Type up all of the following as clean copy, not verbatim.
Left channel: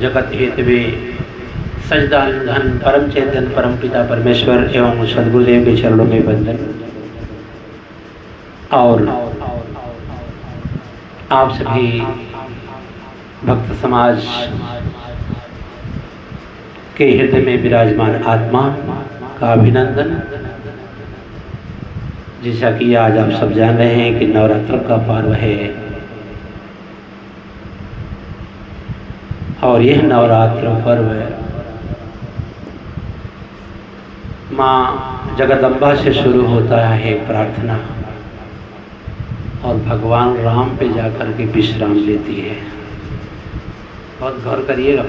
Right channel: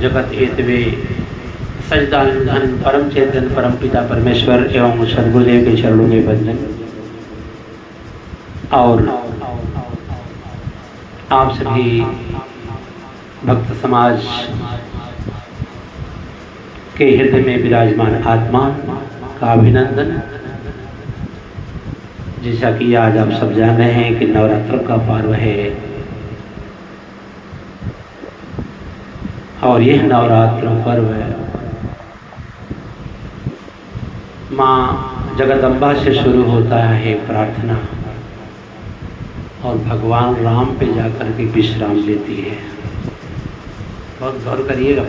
जगत हेतवे सजदान परम चेतन परम पिता परमेश्वर एवं सदगुरुदेव के चरणों में वंदन। और आप सभी भक्त समाज के हृदय में विराजमान आत्मा का अभिनंदन। जैसा कि आज आप सब जान रहे हैं कि नवरात्र का पर्व है और यह नवरात्र पर्व माँ जगदम्बा से शुरू होता है प्रार्थना और भगवान राम पे जाकर के विश्राम लेती है। बहुत गौर करिएगा,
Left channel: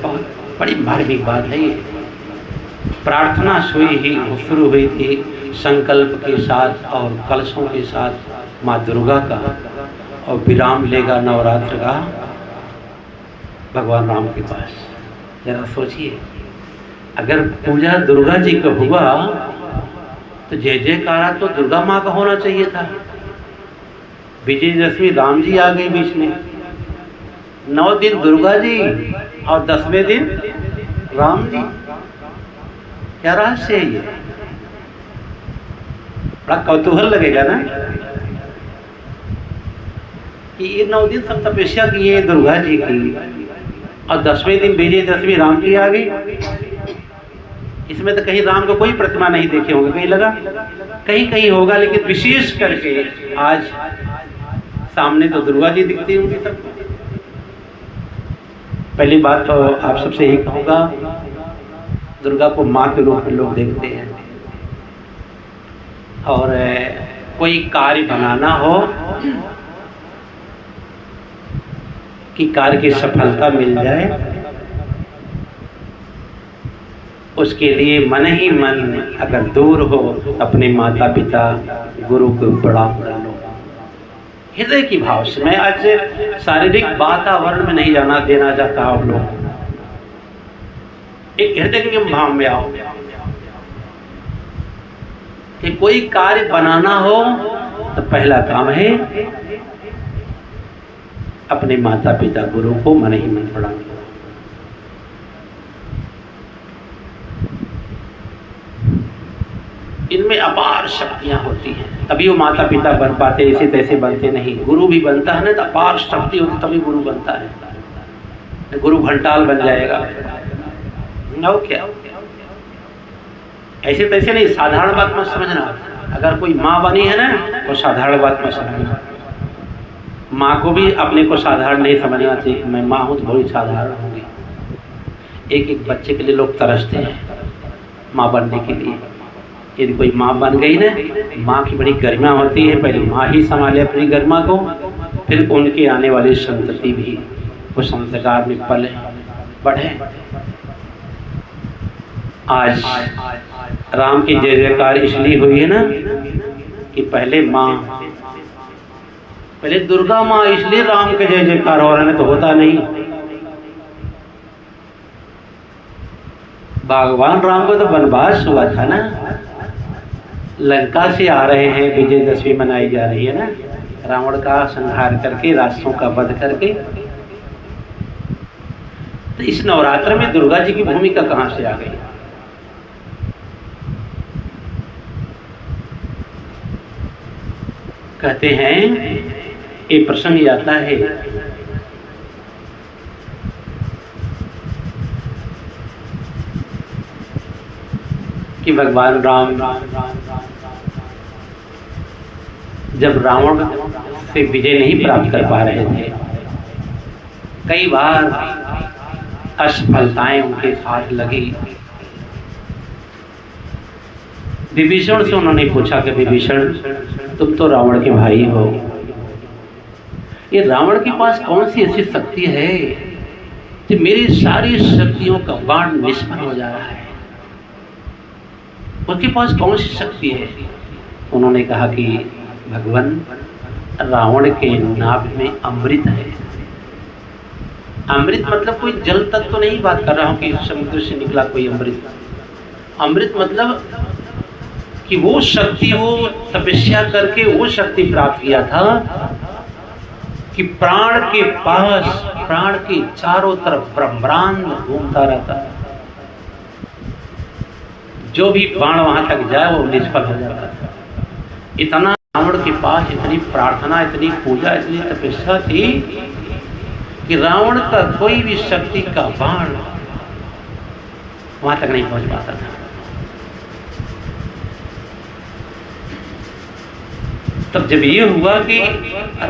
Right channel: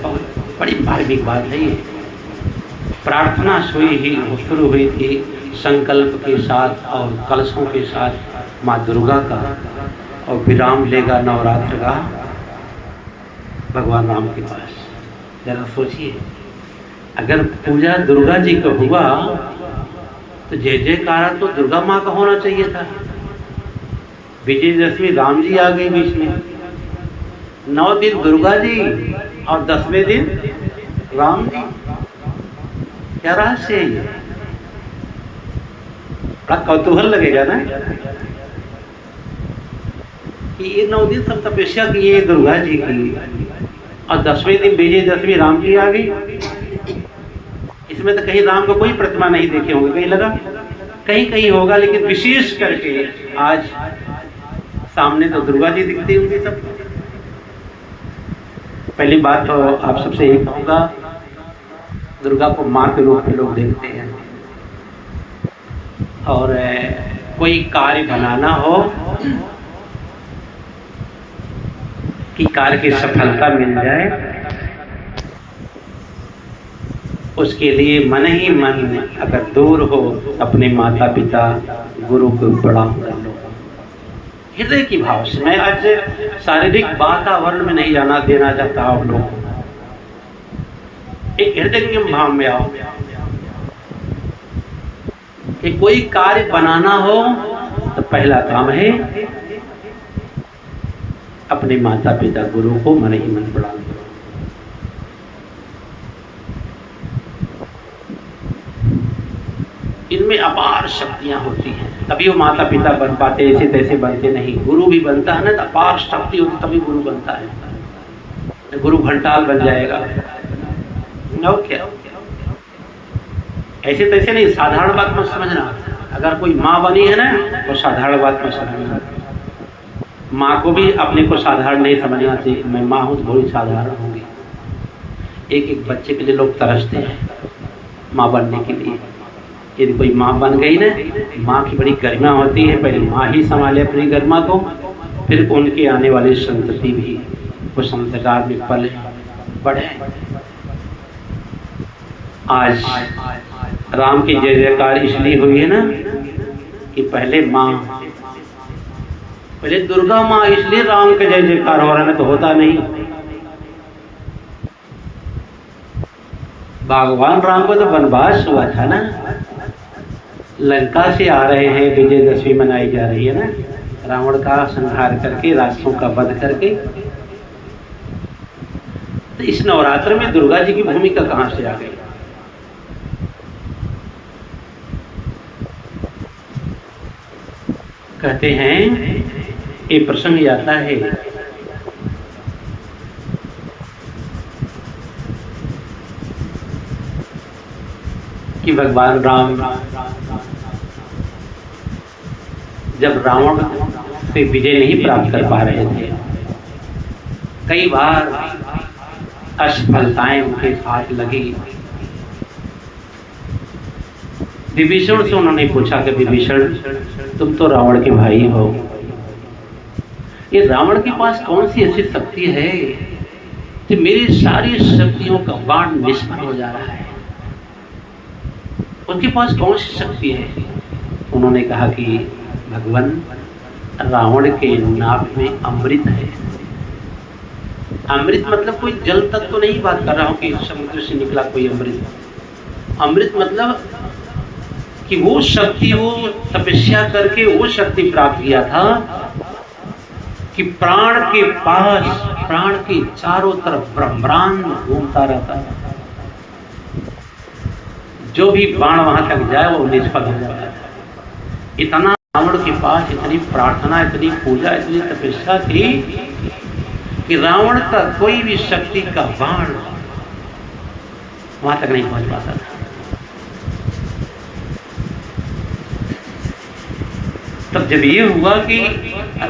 बड़ी मार्मिक बात है ये। प्रार्थना शुरू हुई थी संकल्प के साथ और कलशों के साथ माँ दुर्गा का, और विराम लेगा नवरात्र का भगवान राम के पास। जरा सोचिए, अगर पूजा दुर्गा जी का हुआ तो जय जयकारा तो दुर्गा माँ का होना चाहिए था। विजयदशमी राम जी आ गए बीच में, 9 दिन दुर्गा जी और 10वें दिन राम जी। क्या रहस्य है ये? बड़ा कौतूहल लगेगा ना कि ये 9 दिन सब तपस्या किए दुर्गा जी की और 10वें दिन विजयदशमी राम जी आ गई। इसमें तो कहीं राम को कोई प्रतिमा नहीं देखे होंगे, कहीं लगा कहीं कहीं होगा, लेकिन विशेष करके आज सामने तो दुर्गा जी दिखती होंगी सब। पहली बात तो आप सबसे यही कहूँगा, दुर्गा को माँ के रूप में लोग देखते हैं और कोई कार्य बनाना हो कि कार्य की सफलता मिल जाए, उसके लिए मन ही मन अगर दूर हो अपने माता पिता गुरु को प्रणाम कर लो हृदय की भाव से। मैं आज शारीरिक वातावरण में नहीं जाना देना चाहता आप लोग, एक हृदय के भाव में आओ कि कोई कार्य बनाना हो तो पहला काम है अपने माता पिता गुरु को मन ही मन प्रणाम करो। इनमें अपार शक्तियां होती हैं, तभी वो माता पिता बन पाते, ऐसे तैसे बनते नहीं। गुरु भी बनता है ना तो अपार शक्ति होती तभी गुरु बनता है। गुरु घंटाल बन जाएगा ना क्या? ऐसे तैसे नहीं, साधारण बात मत समझना। अगर कोई माँ बनी है ना तो साधारण बात मत समझना। माँ को भी अपने को साधारण नहीं समझना चाहिए। मैं माँ हूँ तो बहुत साधारण होंगी। एक एक बच्चे के लिए लोग तरसते हैं माँ बनने के लिए। यदि कोई माँ बन गई ना, माँ की बड़ी गरिमा होती है। पहले माँ ही संभाले अपनी गरिमा को, फिर उनके आने वाली संतति भी वो संस्कार में पले बढ़े। आज राम की जय जयकार इसलिए हुई है ना कि पहले दुर्गा माँ, इसलिए राम के जय जयकार हो रहा है, तो होता नहीं। भगवान राम को तो वनवास हुआ था ना, लंका से आ रहे हैं, विजयदशमी मनाई जा रही है ना, रावण का संहार करके, राक्षसों का वध करके। तो इस नवरात्र में दुर्गा जी की भूमिका कहां से आ गई? कहते हैं ये प्रसंग आता है कि भगवान राम जब रावण से विजय नहीं प्राप्त कर पा रहे थे, कई बार असफलताएं उनके साथ लगी। विभीषण से उन्होंने पूछा कि विभीषण, तुम तो रावण के भाई हो, ये रावण के पास कौन सी ऐसी शक्ति है कि मेरी सारी शक्तियों का बाण निष्फल हो जा रहा है? उनके पास कौन सी शक्ति है? उन्होंने कहा कि भगवान, रावण के नाभ में अमृत है। अमृत मतलब कोई जल तत्व तो नहीं बात कर रहा हूँ कि समुद्र से निकला कोई अमृत। अमृत मतलब कि वो शक्ति, वो तपस्या करके वो शक्ति प्राप्त किया था कि प्राण के पास प्राण के चारों तरफ ब्रह्मांड घूमता रहता है, जो भी बाण वहां तक जाए वो निष्फल हो जाता है। इतना रावण के पास इतनी प्रार्थना, इतनी पूजा, इतनी तपस्या थी कि रावण का कोई भी शक्ति का बाण वहां तक नहीं पहुंच पाता था। तब जब ये हुआ कि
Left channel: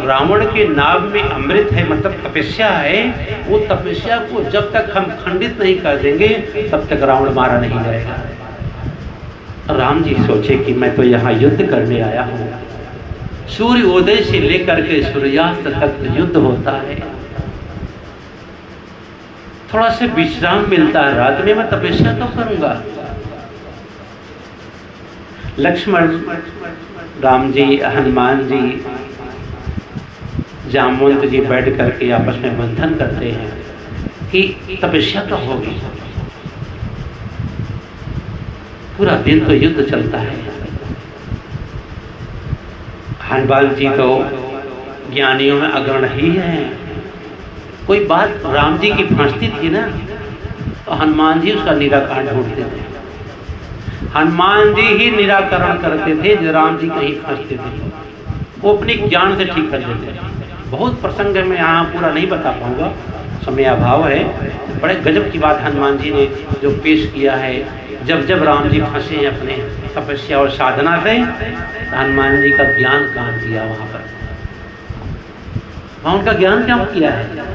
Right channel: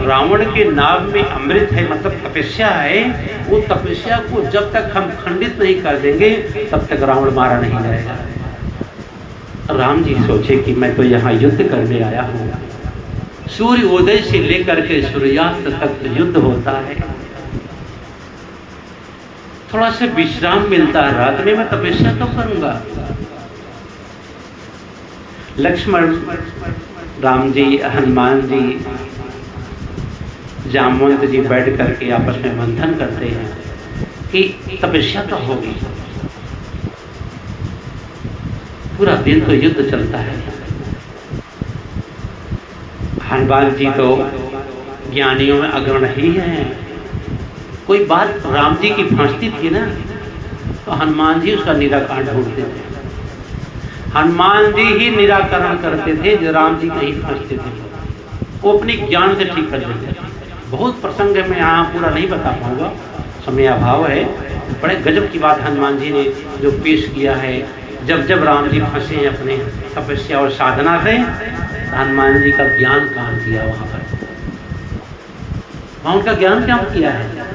रावण के नाभ में अमृत है, मतलब तपस्या है, वो तपस्या को जब तक हम खंडित नहीं कर देंगे तब तक रावण मारा नहीं जाएगा। राम जी सोचे कि मैं तो यहाँ युद्ध करने आया हूँ, सूर्य उदय से लेकर के सूर्यास्त तक युद्ध होता है, थोड़ा से विश्राम मिलता है, रात में मैं तपस्या तो करूंगा। लक्ष्मण, राम जी, हनुमान जी, जामवंत जी बैठ करके आपस में मंथन करते हैं कि तपस्या कब होगी। पूरा दिन तो युद्ध चलता है। हनुमान जी तो ज्ञानियों में अग्रणी ही हैं। कोई बात राम जी की फंसती थी ना, तो हनुमान जी उसका निराकरण ढूंढते थे। हनुमान जी ही निराकरण करते थे जो राम जी कहीं फंसते थे, वो अपनी ज्ञान से ठीक कर देते थे। बहुत प्रसंग है, मैं यहाँ पूरा नहीं बता पाऊंगा, समय अभाव है। बड़े गजब की बात हनुमान जी ने जो पेश किया है। जब जब राम जी फंसे हैं अपने तपस्या और साधना से, हनुमान जी का ज्ञान काम किया वहां पर, वहां उनका ज्ञान क्या किया है।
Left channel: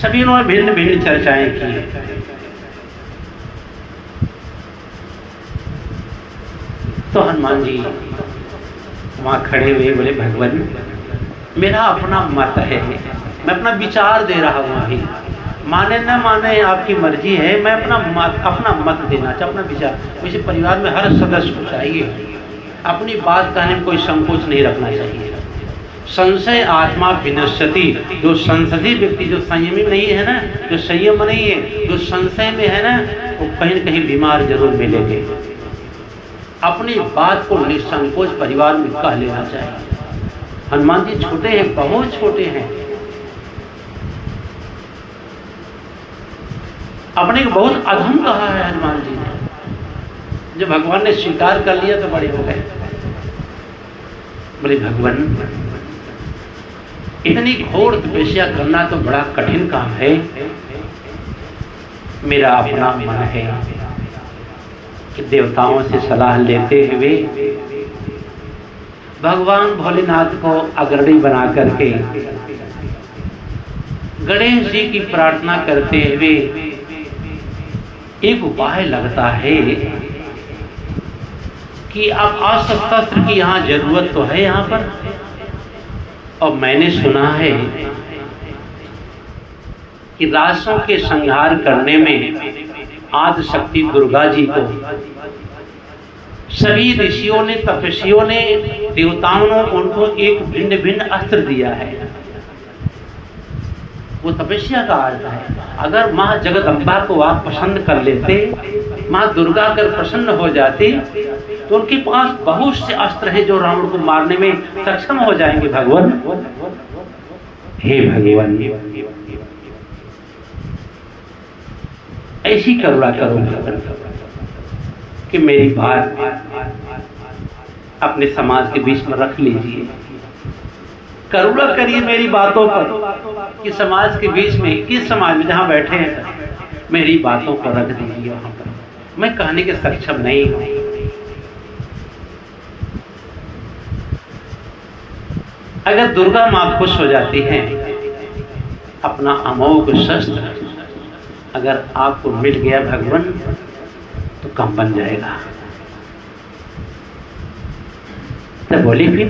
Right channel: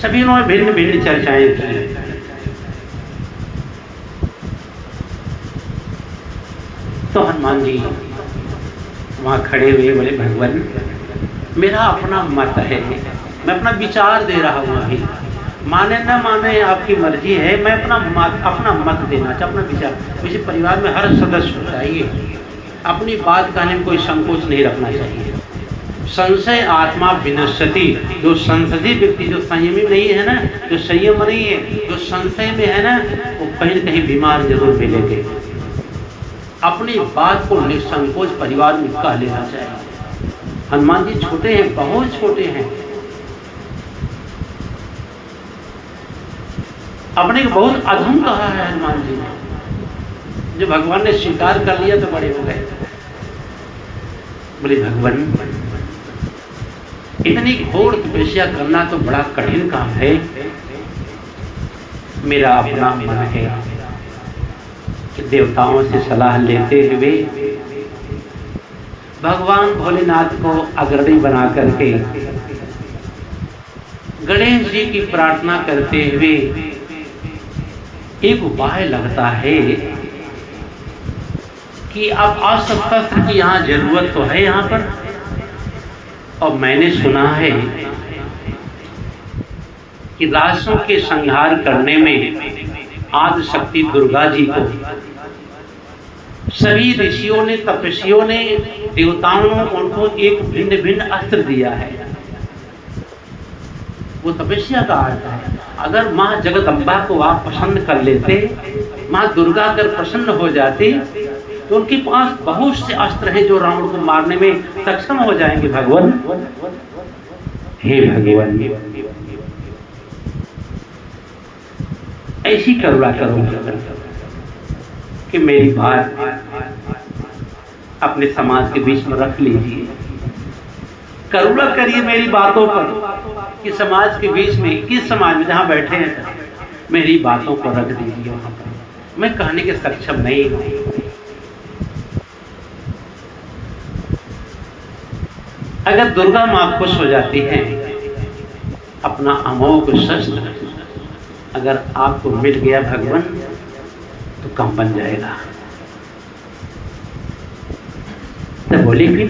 सभी उन्होंने भिन्न भिन्न चर्चाएं की। तो हनुमान जी वहां खड़े हुए बोले, भगवान मेरा अपना मत है, मैं अपना विचार दे रहा हूं, अभी माने ना माने आपकी मर्जी है, मैं अपना मत देना चाहता, अपना विचार। मुझे परिवार में हर सदस्य चाहिए, अपनी बात कहने में कोई संकोच नहीं रखना चाहिए। संशय आत्मा विनश्यति, जो संशयी व्यक्ति, जो संयमी नहीं है ना, जो संयम नहीं है, जो संशय में है ना, वो कहीं न कहीं बीमार जरूर मिलेंगे। अपनी बात को निसंकोच परिवार में कह लेना चाहिए। हनुमान जी छोटे हैं, बहुत छोटे हैं, अपने को बहुत अधम कहा है हनुमान जी ने। जब भगवान ने स्वीकार कर लिया तो बड़े हो गए, बोले भगवान इतनी घोर तपस्या करना तो बड़ा कठिन काम है, मेरा अपना मन है कि देवताओं से सलाह लेते हुए भगवान भोलेनाथ को अग्रणी बना करके गणेश जी की प्रार्थना करते हुए एक उपाय लगता है कि अब अस्त्र शस्त्र की यहाँ जरूरत तो है यहाँ पर, और मैंने सुना है कि राक्षसों के संहार करने में आदि शक्ति दुर्गा जी को सभी ऋषियों ने, तपस्वियों ने, देवताओं ने उनको एक भिन्न भिन्न अस्त्र दिया है। वो तपस्या का अर्थ है। अगर माँ जगदम्बा को आप पसंद कर लेते, माँ दुर्गा अगर प्रसन्न हो जाती, तो उनके पास बहुत से अस्त्र हैं जो रावण को मारने में सक्षम हो जाएंगे। भगवान, हे भगवान, ऐसी करुणा करो कि मेरी बात अपने समाज के बीच में रख लीजिए। करुणा करिए मेरी बातों पर कि समाज के बीच में, किस समाज में जहां बैठे हैं, मेरी बातों को रख दीजिए वहां पर। मैं कहने के सक्षम नहीं हूं। अगर दुर्गा माँ खुश हो जाती है, अपना अमोघ शस्त्र अगर आपको मिल गया भगवान, तो काम बन जाएगा। तो बोले फिर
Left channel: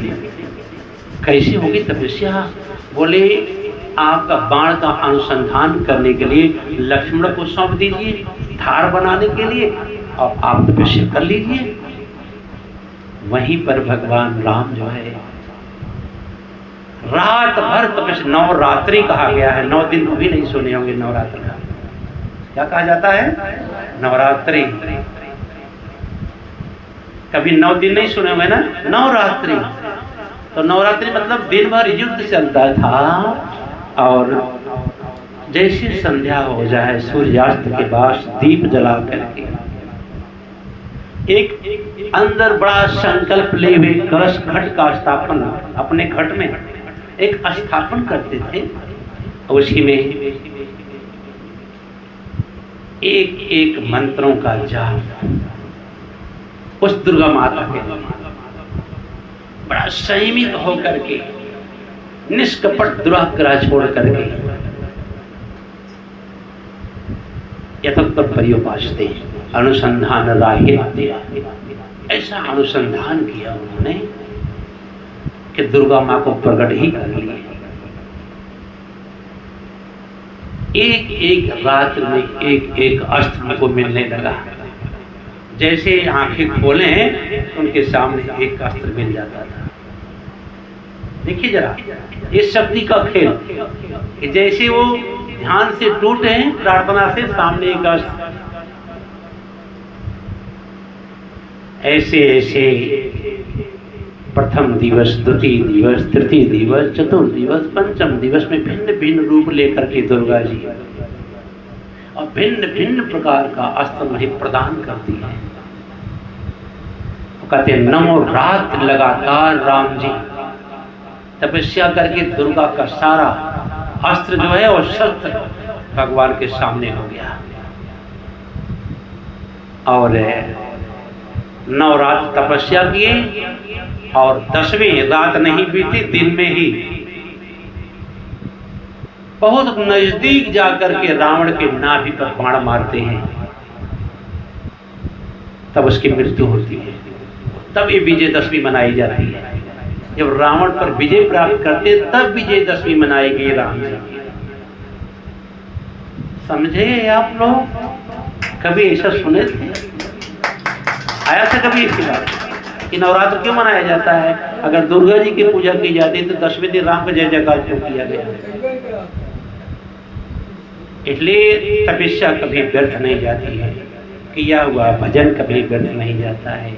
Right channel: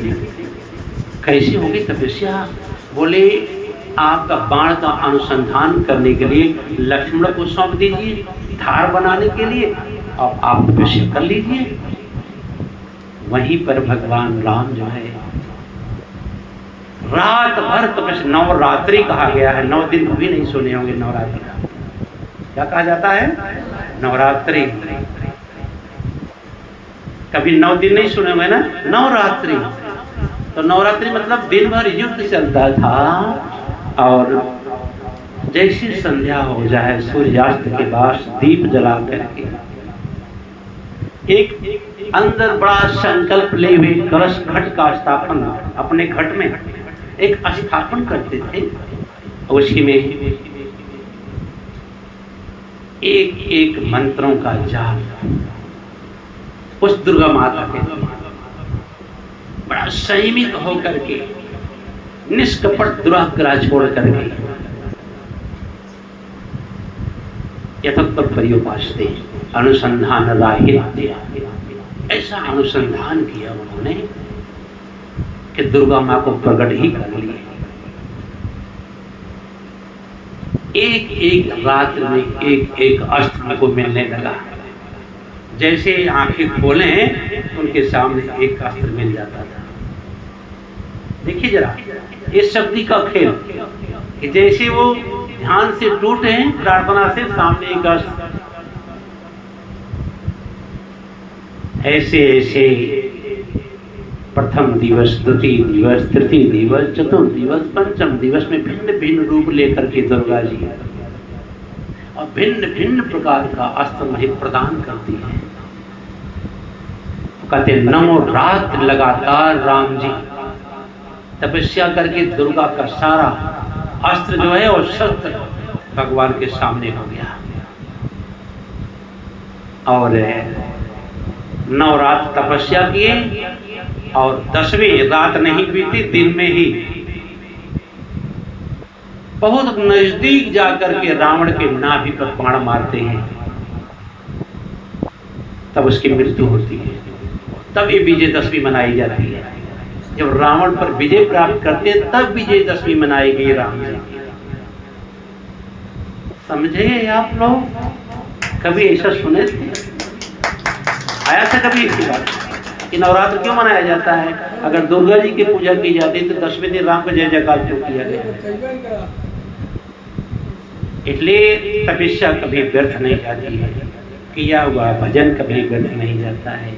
कैसी होगी तपस्या? बोले आपका बाण का अनुसंधान करने के लिए लक्ष्मण को सौंप दीजिए, धार बनाने के लिए, और आप तपस्या कर लीजिए। वहीं पर भगवान राम जो है रात भर तपस्या, नवरात्रि कहा गया है, 9 दिन कभी नहीं सुने होंगे। नवरात्रि क्या कहा जाता है? नवरात्रि। कभी 9 दिन नहीं सुने होंगे ना, नवरात्रि। तो नवरात्रि मतलब दिन भर युद्ध चलता था, और जैसी संध्या हो जाए सूर्यास्त के बाद दीप जला करके एक अंदर बड़ा संकल्प ले हुए कलश घट का स्थापन अपने घट में एक स्थापन करते थे। उसी में एक एक मंत्रों का जाप उस दुर्गा माता के लिए बड़ा संयमित होकर के निष्कपट दुराग्रह छोड़ करके यथोत्तर पर्युपासते अनुसंधान राहित्य, ऐसा अनुसंधान किया उन्होंने कि दुर्गा माँ को प्रकट ही कर लिए। एक एक रात में एक एक अस्त्र को मिलने लगा। जैसे आंखें खोलें उनके सामने एक अस्त्र मिल जाता था। देखिए जरा इस शक्ति का खेल कि जैसे वो ध्यान से टूटे प्रार्थना से सामने एक अस्त्र, ऐसे ऐसे प्रथम दिवस, द्वितीय दिवस, तृतीय दिवस, चतुर्थ दिवस, पंचम दिवस में भिन्न भिन्न रूप लेकर के दुर्गा जी और भिन्न भिन्न प्रकार का अस्त्र मही प्रदान करती है। कहते 9 रात लगातार राम जी तपस्या करके दुर्गा का सारा अस्त्र जो है वो शस्त्र भगवान के सामने हो गया। और 9 रात तपस्या किए और 10वीं रात नहीं बीती, दिन में ही बहुत नजदीक जाकर के रावण के नाभि पर बाण मारते हैं, तब उसकी मृत्यु होती है। तब ये विजयदशमी मनाई जाती है। जब रावण पर विजय प्राप्त करते तब विजयदशमी मनाई गई राम जी की। समझे आप लोग? कभी ऐसा सुने थे? आया था कभी इसकी बात कि नवरात्र क्यों मनाया जाता है? अगर दुर्गा जी की पूजा की जाती है तो 10वें दिन राम का जय जयकार क्यों किया गया? इसलिए तपस्या कभी व्यर्थ नहीं जाती है, किया हुआ भजन कभी व्यर्थ नहीं जाता है,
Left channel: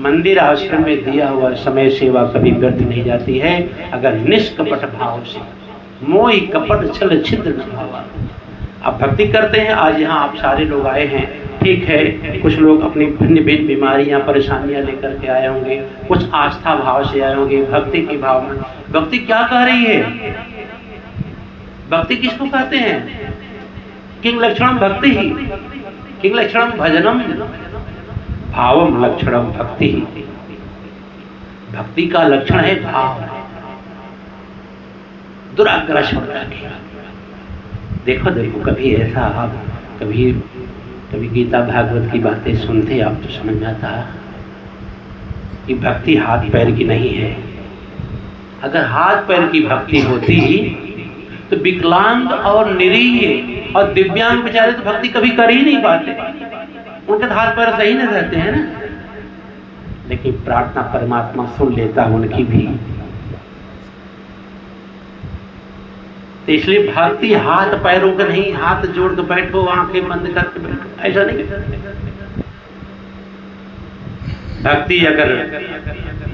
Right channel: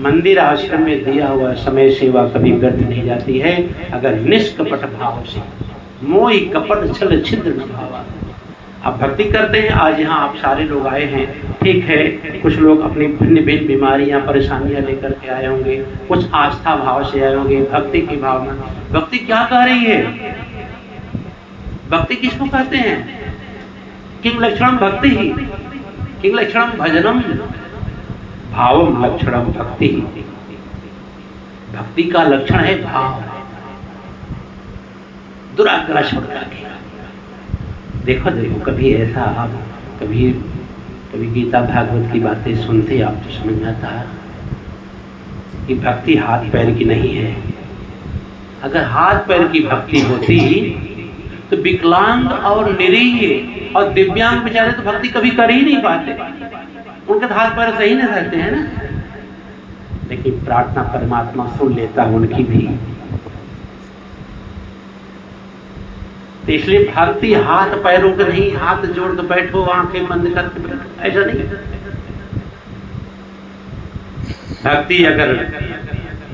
मंदिर आश्रम में दिया हुआ समय सेवा कभी व्यर्थ नहीं जाती है, अगर निष्कपट भाव से, मोहि कपट छल छिद्र न भाव। आप भक्ति करते हैं, आज यहाँ आप सारे लोग आए हैं, ठीक है, कुछ लोग अपनी भिन्न भिन्न बीमारियां परेशानियां लेकर के आए होंगे, कुछ आस्था भाव से आए होंगे, भक्ति की भावना। भक्ति क्या कह रही है? भक्ति किसको कहते हैं? किंग लक्षणम भक्ति ही, किंग लक्षणम भजनम, भावम लक्षणम भक्ति ही। भक्ति का लक्षण है भाव, दुराग्रह छोड़ करके। देखो देखो कभी ऐसा आप कभी गीता भागवत की बातें सुनते आप तो समझ में आता कि भक्ति हाथ पैर की नहीं है। अगर हाथ पैर की भक्ति होती तो विकलांग और निरीह और दिव्यांग बेचारे तो भक्ति कभी कर ही नहीं पाते, उनके तो हाथ पैर सही नहीं रहते हैं ना। लेकिन प्रार्थना परमात्मा सुन लेता उनकी भी। तो इसलिए भक्ति हाथ पैरों का नहीं, हाथ जोड़ के बैठो, आंखें बंद करके बैठो, ऐसा नहीं। भक्ति अगर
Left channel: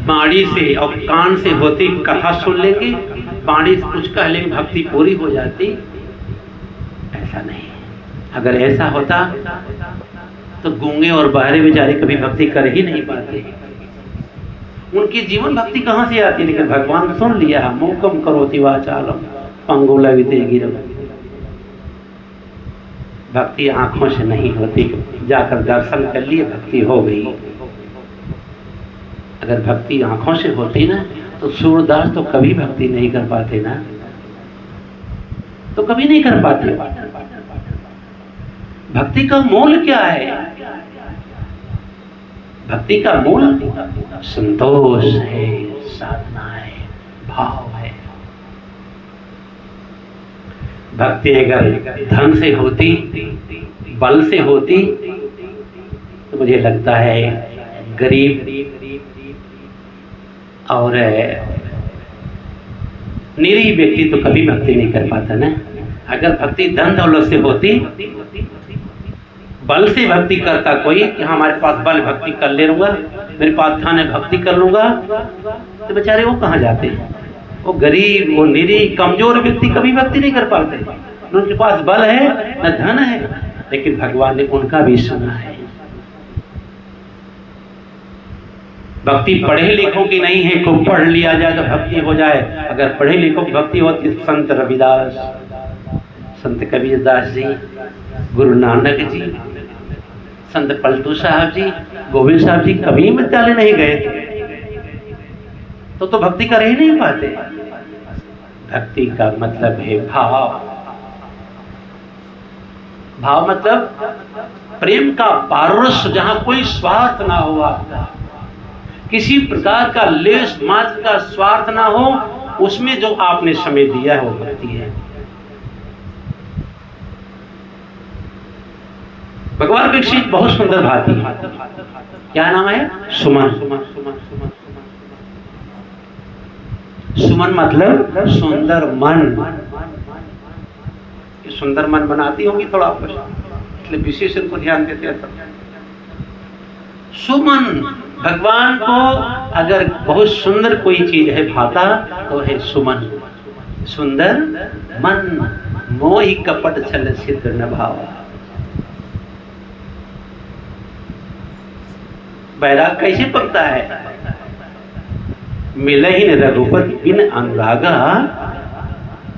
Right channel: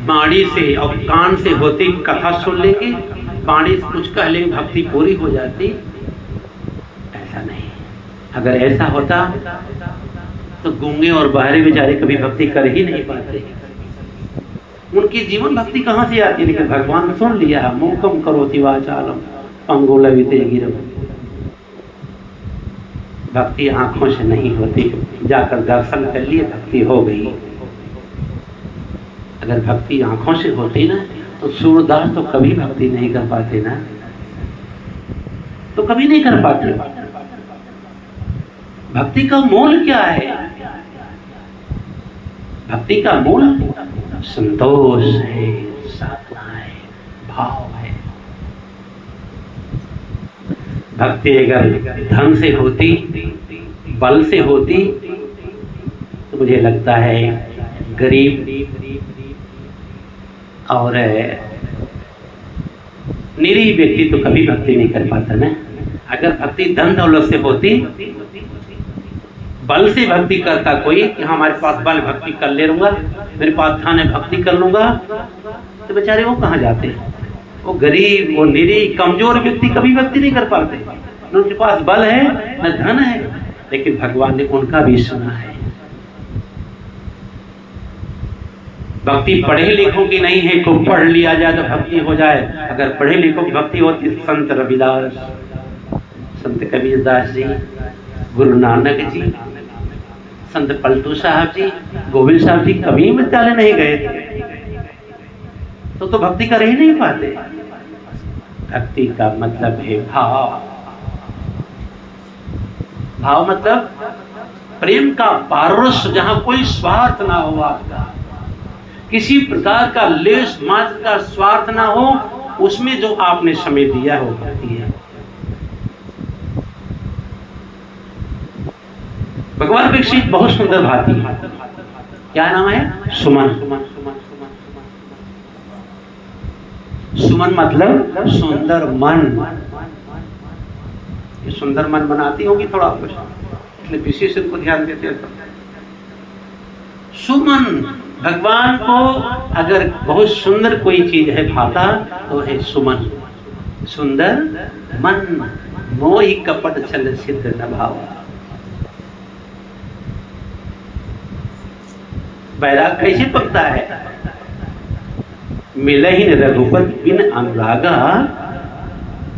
बाणी से और कान से होती कथा सुन लेंगे, बाणी से कुछ कह लेंगे, भक्ति पूरी हो जाती, ऐसा नहीं। अगर ऐसा होता तो गूंगे और बहरे बेचारे कभी भक्ति कर ही नहीं पाते, उनकी जीवन भक्ति कहाँ से आती। लेकिन भगवान सुन लिया, मूकम करोति वाचालम पंगुलविते गिरम। भक्ति आंखों से नहीं होती, जाकर दर्शन कर लिए भक्ति हो गई। अगर भक्ति आंखों से होती ना तो सूरदास तो कभी भक्ति नहीं कर पाते ना, तो कभी नहीं कर पाते। भक्ति का मूल क्या है? भक्ति का मूल संतोष है, साधना है, भाव है। भक्ति अगर धन से होती, बल से होती, तो मुझे लगता है गरीब और निरीह व्यक्ति तो कभी भक्ति नहीं कर पाता ना। अगर भक्ति धन दौलत से होती, बल से भक्ति करता कोई कि हमारे पास बल भक्ति कर ले लूंगा, मेरे पास धन है भक्ति कर लूंगा, तो बेचारे वो कहाँ जाते हैं? वो गरीब, वो निरीह, कमजोर व्यक्ति कभी भक्ति नहीं कर पाते। उनके पास बल है न धन है, लेकिन भगवान ने उनका भी सुना है। भक्ति पढ़े लिखों की नहीं है, को पढ़ लिया जाए तो भक्ति हो जाए। अगर पढ़े लिखों की भक्ति होती, संत रविदास, संत कबीरदास जी, गुरु नानक जी, संत पलटू साहब जी, गोविंद साहब जी कभी विद्यालय नहीं गए थे, तो भक्ति कर ही नहीं पाते। भक्ति का मतलब है भाव। भाव मतलब प्रेम का पारस, जहां कोई स्वार्थ ना हो, आपका किसी प्रकार का लेश मात्र का स्वार्थ ना हो, उसमें जो आपने समय दिया है वो भक्ति है। भगवान विकसित बहुत सुंदर भांति है। क्या नाम है? सुमन। सुमन मतलब सुंदर मन। ये सुंदर मन बनाती होगी थोड़ा, इसलिए विशेष इनको ध्यान देते हैं। सुमन, भगवान को अगर बहुत सुंदर कोई चीज है भाता तो है सुमन। सुंदर मन मोहि कपट छल सिद्ध न भावा। बैराग कैसे पकता है? मिलहिन रघुपति बिन अनुरागा,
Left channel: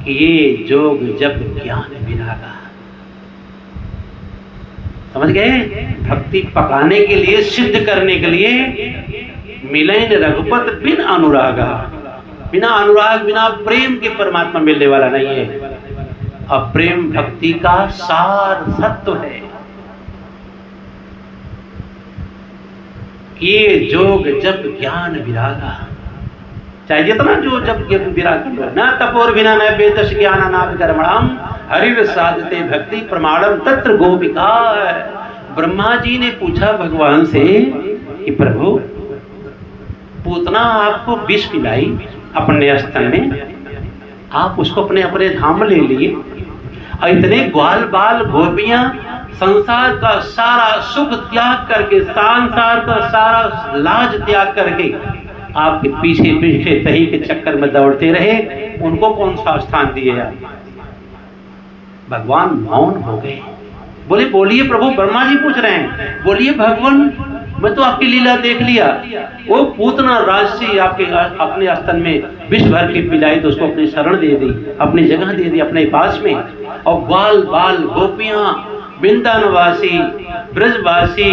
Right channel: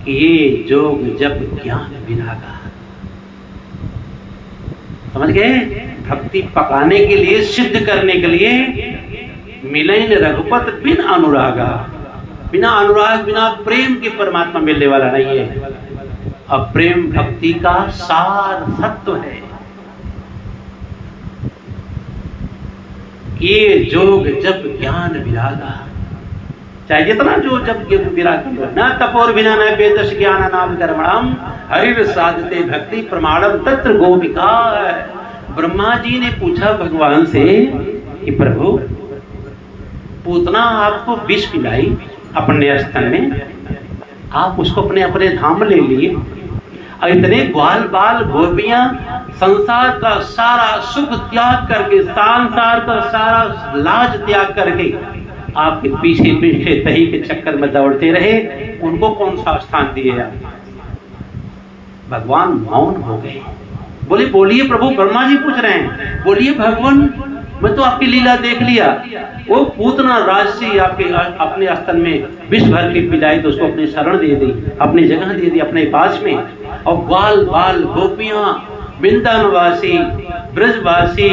किए जोग जप ज्ञान विरागा। समझ गए? भक्ति पकाने के लिए, सिद्ध करने के लिए, मिलहिन रघुपति बिन अनुरागा, बिना अनुराग बिना प्रेम के परमात्मा मिलने वाला नहीं है। और प्रेम भक्ति का सार सत्व है। ये जोग जब ज्ञान विरागा, चाहे जितना जो जब विराग, न तपोर बिना न वेदस ज्ञान नाम कर्मणाम हरिर साधते भक्ति प्रमाणम तत्र गोपिका। ब्रह्मा जी ने पूछा भगवान से कि प्रभु, पूतना आपको विष पिलाई अपने स्तन में, आप उसको अपने अपने धाम ले लिए, और इतने ग्वाल बाल गोपियां संसार का सारा सुख त्याग करके, संसार का सारा लाज त्याग करके आपके पीछे पीछे तही के चक्कर में दौड़ते रहे, उनको कौन सा स्थान दिए आप? भगवान मौन हो गए। बोले बोलिए प्रभु, ब्रह्मा जी पूछ रहे हैं, बोलिए भगवान, मैं तो आपकी लीला देख लिया। वो पूतना राजसी आपके अपने स्तन में विष भर के पिलाई तो उसको अपनी शरण दे दी, अपनी जगह दे दी अपने पास में। और बाल बाल गोपियां, वृंदावनवासी, ब्रजवासी,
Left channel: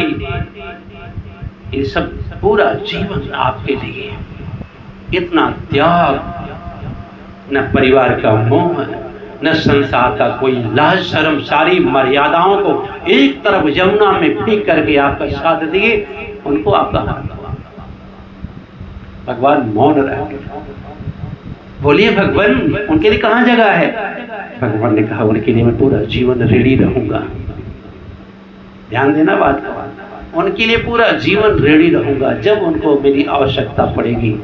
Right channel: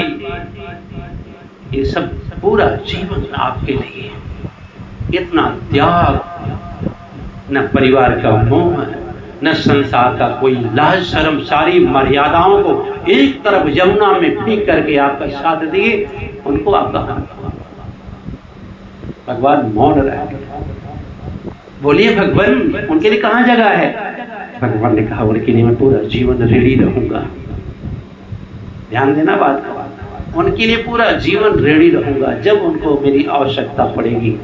ये सब पूरा जीवन आपके लिए, इतना त्याग, न परिवार का मोह, न संसार का कोई लाज शर्म, सारी मर्यादाओं को एक तरफ यमुना में फेंक करके आपका साथ दिए, उनको आपका भगवान मौन रह गए। बोलिए भगवान, उनके लिए कहाँ जगह है? भगवान ने कहा, उनके लिए मैं पूरा जीवन रेडी रहूंगा। ध्यान देना बात का, उनके लिए पूरा जीवन रेडी रहूंगा। जब उनको मेरी आवश्यकता पड़ेगी,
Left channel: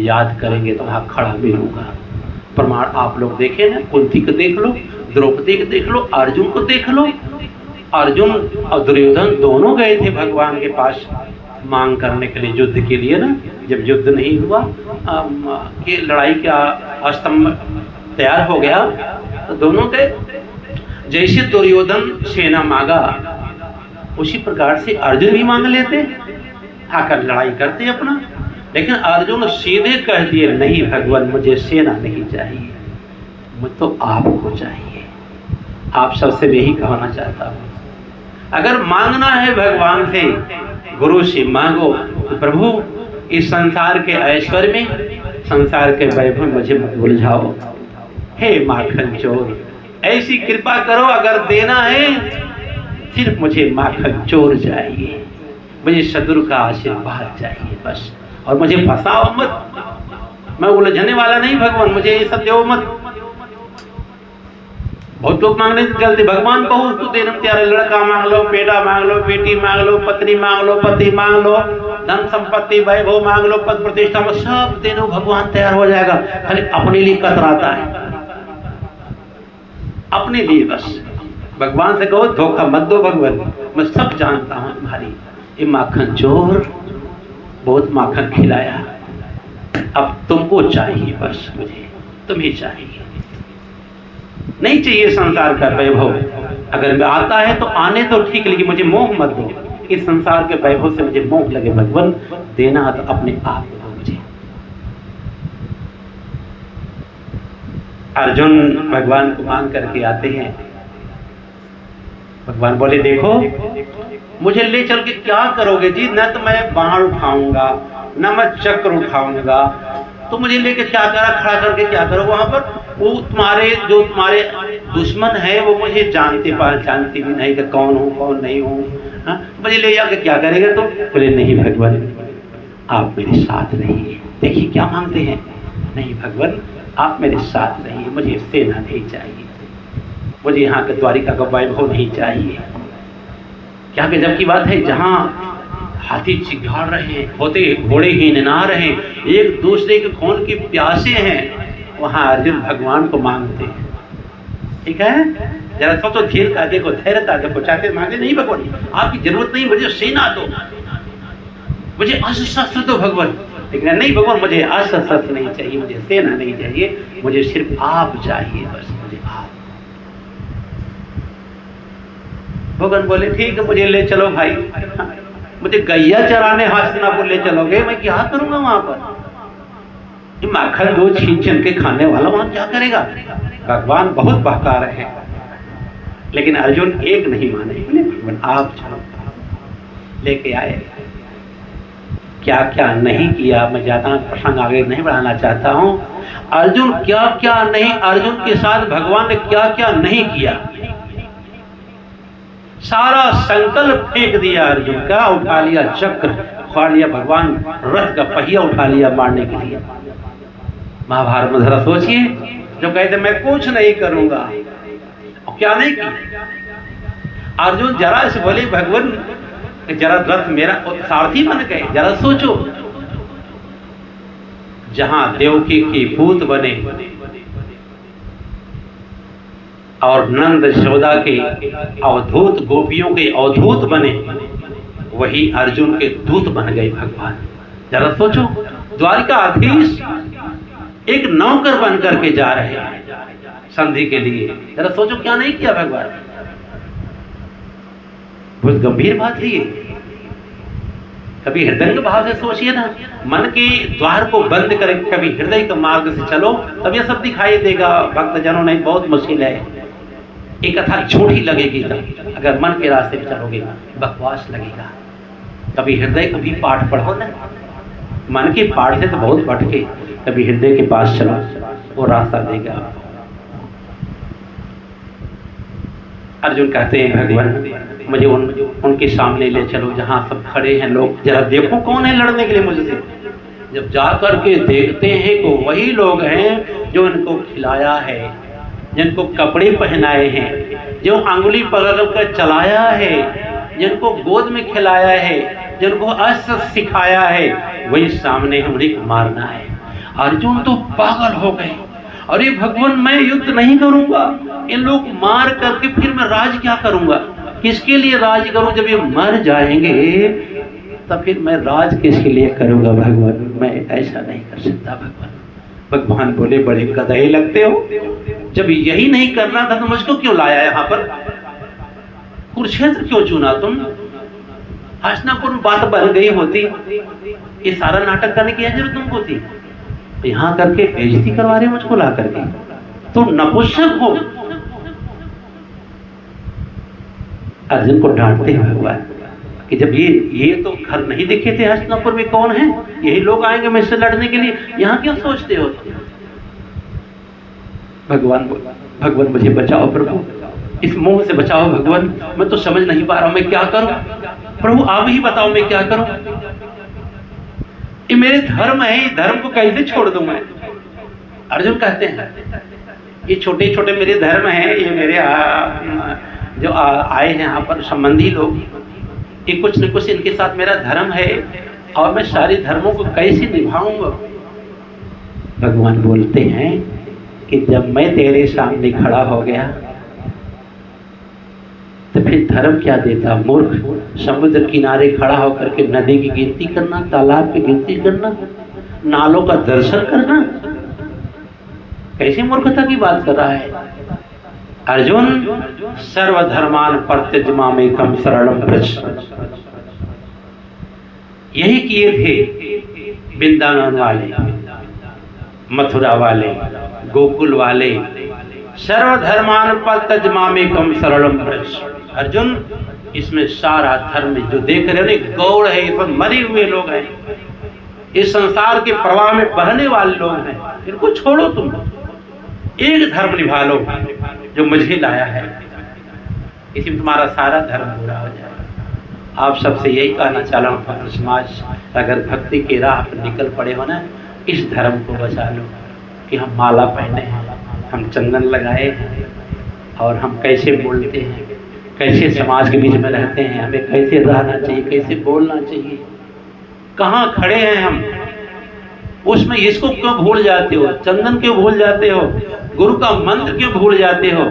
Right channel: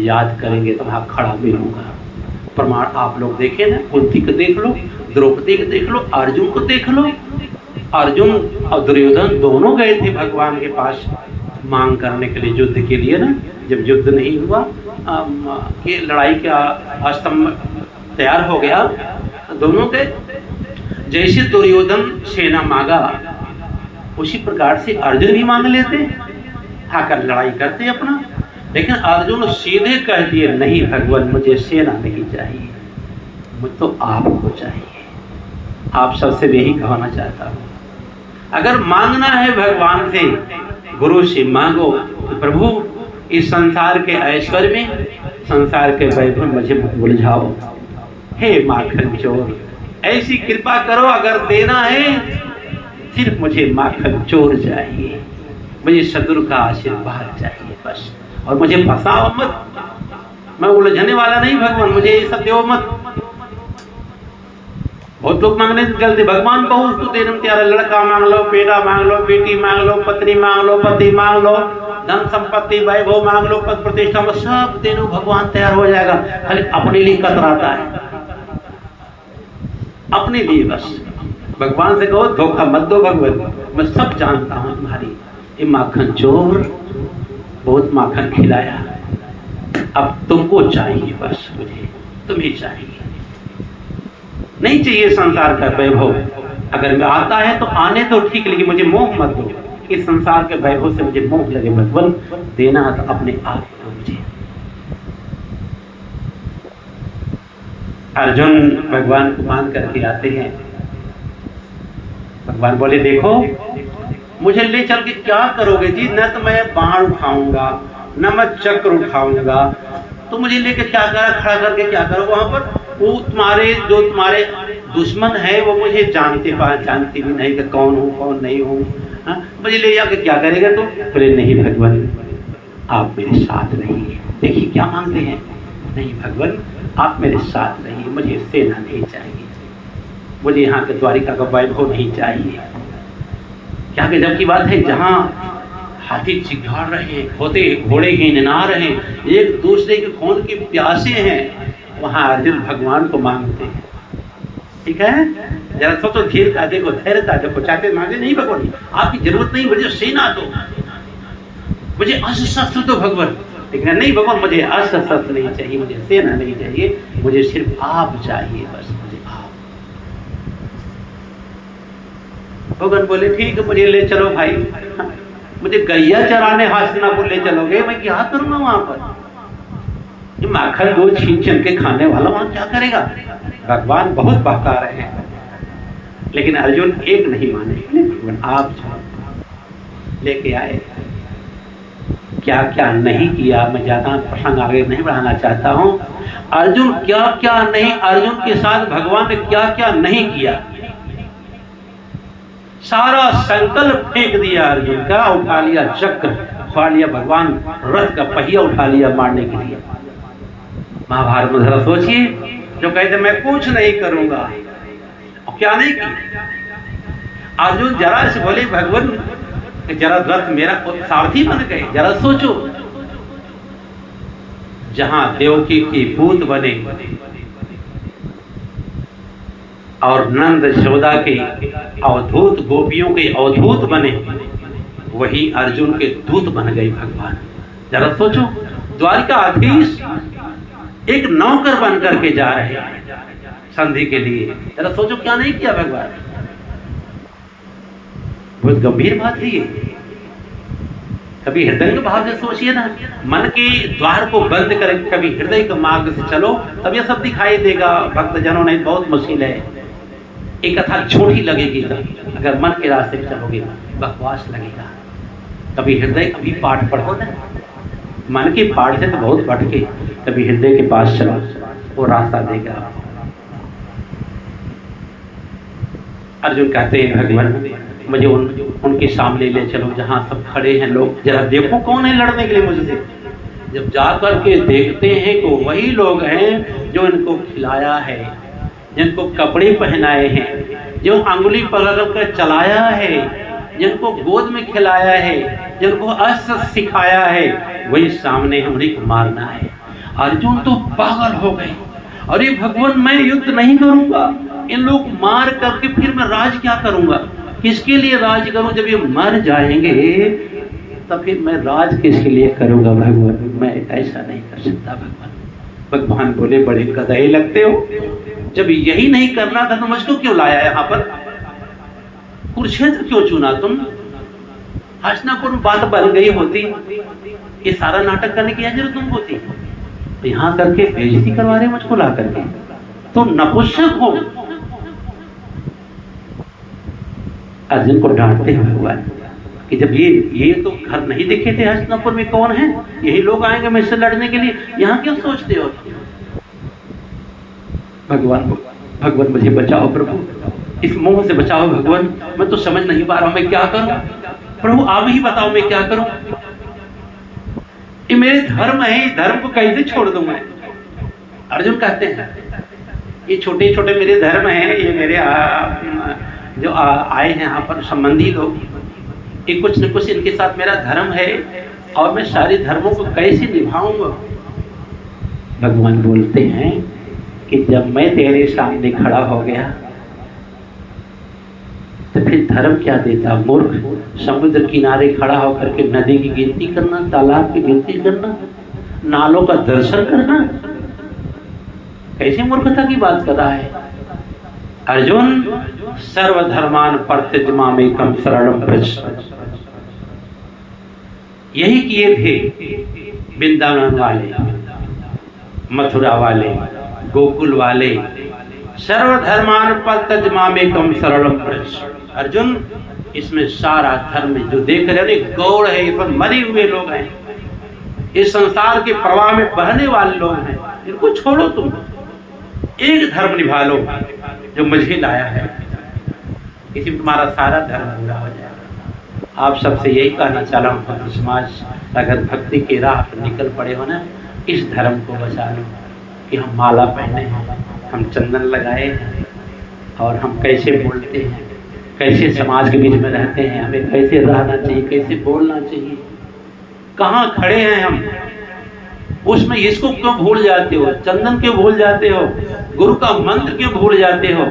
याद करेंगे तो वहां खड़ा मिलूंगा। प्रमाण आप लोग देखें ना, कुंती को देख लो, द्रौपदी को देख लो, अर्जुन को देख लो। अर्जुन और दुर्योधन दोनों गए थे भगवान के पास मांग करने के लिए, युद्ध के लिए ना। जब युद्ध नहीं हुआ, कि लड़ाई का स्तंभ तैयार हो गया, तो दोनों के जैसे दुर्योधन सेना मांगा, उसी प्रकार से अर्जुन भी मांग लेते, आकर लड़ाई करते अपना। लेकिन अर्जुन सीधे कह दिए, नहीं भगवान, मुझे सेना नहीं चाहिए, मुझे तो आपको चाहिए। आप सबसे यही कहना चाहता हूँ, अगर मांगना है भगवान से, गुरु से मांगो तो प्रभु इस संसार के ऐश्वर्य में, संसार के वैभव में मुझे मत उलझाओ। हे माखन चोर, ऐसी कृपा करो, अगर देना है सिर्फ मुझे माखन चोर चाहिए, मुझे सदगुरु का आशीर्वाद चाहिए बस। और मुझे फंसाओ मत, मैं उलझने वाला नहीं भगवान, मुझे ये सब दो मत। बहुत लोग मांगने से जल्दी, भगवान कहो उसको देना तैयार, लड़का मांग लो, बेटा मांग लो, बेटी मांग लो, पत्नी मांग लो, पति मांग लो, धन संपत्ति वैभव मांग लो, पद प्रतिष्ठा, सब दे दो, भगवान तैयार हो जाएगा। खाली अपने लिए कतराता है, अपने लिए बस। भगवान से कहो धोखा मत दो भगवान, मैं सब जानता हूँ तुम्हारी। ये माखन चोर बहुत माखन खिलाया, अब तुमको चाहिए, बस मुझे तुम्हें चाहिए, नहीं चाहिए संसार का वैभव। अगर मैं आता है तो आने तो ठीक, लेकिन मुझे मोह मत दो, इस संसार के वैभव से मुझे मोह लगे भगवान, देना तो अपने आप दो मुझे। अर्जुन भगवान को मांग करके आते हैं। भगवान बोले देखो मुझे ले चल के क्या करोगे जी, न तो मैं बाण उठाऊंगा न मैं चक्र उठाऊंगा, तो मुझे लेके क्या करा, खड़ा करके क्या करो वहां पर? वो तुम्हारे जो तुम्हारे दुश्मन है वो मुझे जानते भी नहीं कि कौन हूँ कौन नहीं हूँ, मुझे ले जाके क्या करेगा? तो बोले नहीं भगवान आप मेरे साथ नहीं है। देखिए क्या मानते हैं, नहीं भगवान आप मेरे साथ नहीं है, मुझे सेना नहीं चाहिए, मुझे यहाँ के द्वारिका का वैभव नहीं चाहिए। क्या गजब की बात है, जहाँ हाथी चिघाड़ रहे, होते घोड़े हिनना रहे, एक दूसरे के खून के प्यासे हैं, वहां अर्जुन भगवान को मांगते हैं। ठीक है, जरा सोचो, धीरता देखो, धैर्यता देखो, चाहते मांगे नहीं भगवान आपकी जरूरत नहीं, मुझे सेना दो, मुझे अस्त्र शस्त्र दो भगवान। लेकिन नहीं भगवान मुझे अस्त्र शस्त्र नहीं चाहिए, मुझे सेना नहीं चाहिए, मुझे सिर्फ आप चाहिए, बस मुझे आप। भगवान बोले ठीक है मुझे ले चलो भाई, मुझे गैया चराने हस्तिनापुर ले चलोगे, मैं क्या करूंगा वहां पर? ये माखन दूध छीन छीन के खाने वाला वहां क्या करेगा? भगवान बहुत बहका रहे हैं, लेकिन अर्जुन एक नहीं माने, भगवान आप जाओ। लेके आए, क्या क्या नहीं किया, मैं ज्यादा प्रसंग आगे नहीं बढ़ाना चाहता हूं। अर्जुन क्या क्या नहीं, अर्जुन के साथ भगवान ने क्या क्या नहीं किया, सारा संकल्प फेंक दिया अर्जुन का, उठा लिया चक्र, उठा लिया भगवान रथ का पहिया उठा लिया मारने के लिए। महाभारत में जरा सोचिए, जो कहते मैं कुछ नहीं करूंगा, क्या नहीं किया अर्जुन, जरा से बोले भगवान जरा रथ मेरा सारथी बन गए। जरा सोचो, जहां देवकी की पूत बने और नंद यशोदा के अवधूत, गोपियों के अवधूत बने, वही अर्जुन के दूत बन गए भगवान। जरा सोचो, द्वारिकाधीश एक नौकर बन करके जा रहे हैं संधि के लिए। जरा सोचो क्या नहीं किया भगवान, बहुत गंभीर बात है ये। कभी हृदय के भाव से सोचिए ना, मन के द्वार को बंद करें, कभी हृदय के मार्ग से चलो, तब यह सब दिखाई देगा। भक्त जनों ने बहुत मुश्किल है, एक कथा झूठी लगेगी, तब अगर मन के रास्ते पे चलोगे बकवास लगेगा। कभी हृदय कभी पाठ पढ़ो ना, मन के पाठ से तो बहुत भटके, कभी हृदय के पास चलो, वो रास्ता देगा। अर्जुन कहते हैं भगवान मुझे उनके सामने ले चलो जहां सब खड़े हैं लोग, जरा देखो कौन है लड़ने के लिए मुझसे। जब जाकर के देखते हैं कि वही लोग हैं जो इनको खिलाया है, जिनको कपड़े पहनाए हैं, जो अंगुली पकड़ कर चलाया है, जिनको गोद में खिलाया है, जिनको अस्त्र सिखाया है, वही सामने है, उन्हें मारना है। अर्जुन तो पागल हो गए, अरे भगवान मैं युद्ध नहीं करूंगा, इन लोग मार करके फिर मैं राज क्या करूंगा, किसके लिए राज करूं? जब ये मर जाएंगे तब फिर मैं राज किसके लिए करूंगा भगवान, मैं ऐसा नहीं कर सकता भगवान। भगवान बोले बड़े गधे लगते हो, जब यही नहीं करना था तो मुझको क्यों लाया यहाँ पर, कुरुक्षेत्र क्यों चुना तुम? हस्तिनापुर में बात बन गई होती, ये सारा नाटक करने की जरूरत तुमको थी? यहाँ करके बेइज्जती करवा रहे मुझको ला करके, तुम नपुंसक हो। अर्जुन को डांटते हैं भगवान कि जब ये तो घर नहीं दिखे थे हस्तिनापुर में, कौन है? यही लोग आएंगे मुझसे लड़ने के लिए, यहाँ क्यों सोचते हो? भगवान मुझे बचाओ प्रभु, इस मोह से बचाओ भगवान, मैं तो समझ नहीं पा रहा हूं मैं क्या करूं। प्रभु आप ही बताओ मैं क्या करूं, ये मेरे धर्म है, धर्म को कैसे छोड़ दूं मैं? अर्जुन कहते हैं ये छोटे छोटे मेरे धर्म हैं, ये मेरे जो आए हैं यहाँ पर संबंधी लोग, ये कुछ न कुछ इनके साथ मेरा धर्म है, और मैं सारे धर्मों को कैसे निभाऊंगा? भगवान बोलते हैं कि जब मैं तेरे सामने खड़ा हो गया तो फिर धर्म क्या देता मूर्ख? समुद्र किनारे खड़ा होकर के नदी की गिनती करना, तालाब की गिनती करना, नालों का दर्शन करना, कैसी मूर्खता की बात कर रहा है। अर्जुन सर्वधर्मान परित्यज्य मामेकम शरणं व्रज, यही किए थे वृंदावन वाले, मथुरा वाले, गोकुल वाले। सर्वधर्मान परित्यज्य मामेकम शरणं व्रज। अर्जुन, इसमें सारा धर्म जो देख रहे हो गौड़ है, ये सब मरे हुए लोग हैं, इस संसार के प्रवाह में बहने वाले लोग हैं, इनको छोड़ो, तुम एक धर्म निभा लो जो मुझे लाया है, इसी में तुम्हारा सारा धर्म पूरा हो जाएगा। आप सबसे यही कहना चाह रहा हूँ, भक्त समाज, अगर भक्ति के राह पर निकल पड़े हो ना, इस धर्म को बचा लो कि हम माला पहने हैं, हम चंदन लगाए हैं, और हम कैसे बोलते हैं, कैसे समाज के बीच में रहते हैं, हमें कैसे रहना चाहिए, कैसे बोलना चाहिए, कहाँ खड़े हैं हम, उसमें इसको क्यों भूल जाते हो, चंदन क्यों भूल जाते हो, गुरु का मंत्र क्यों भूल जाते हो।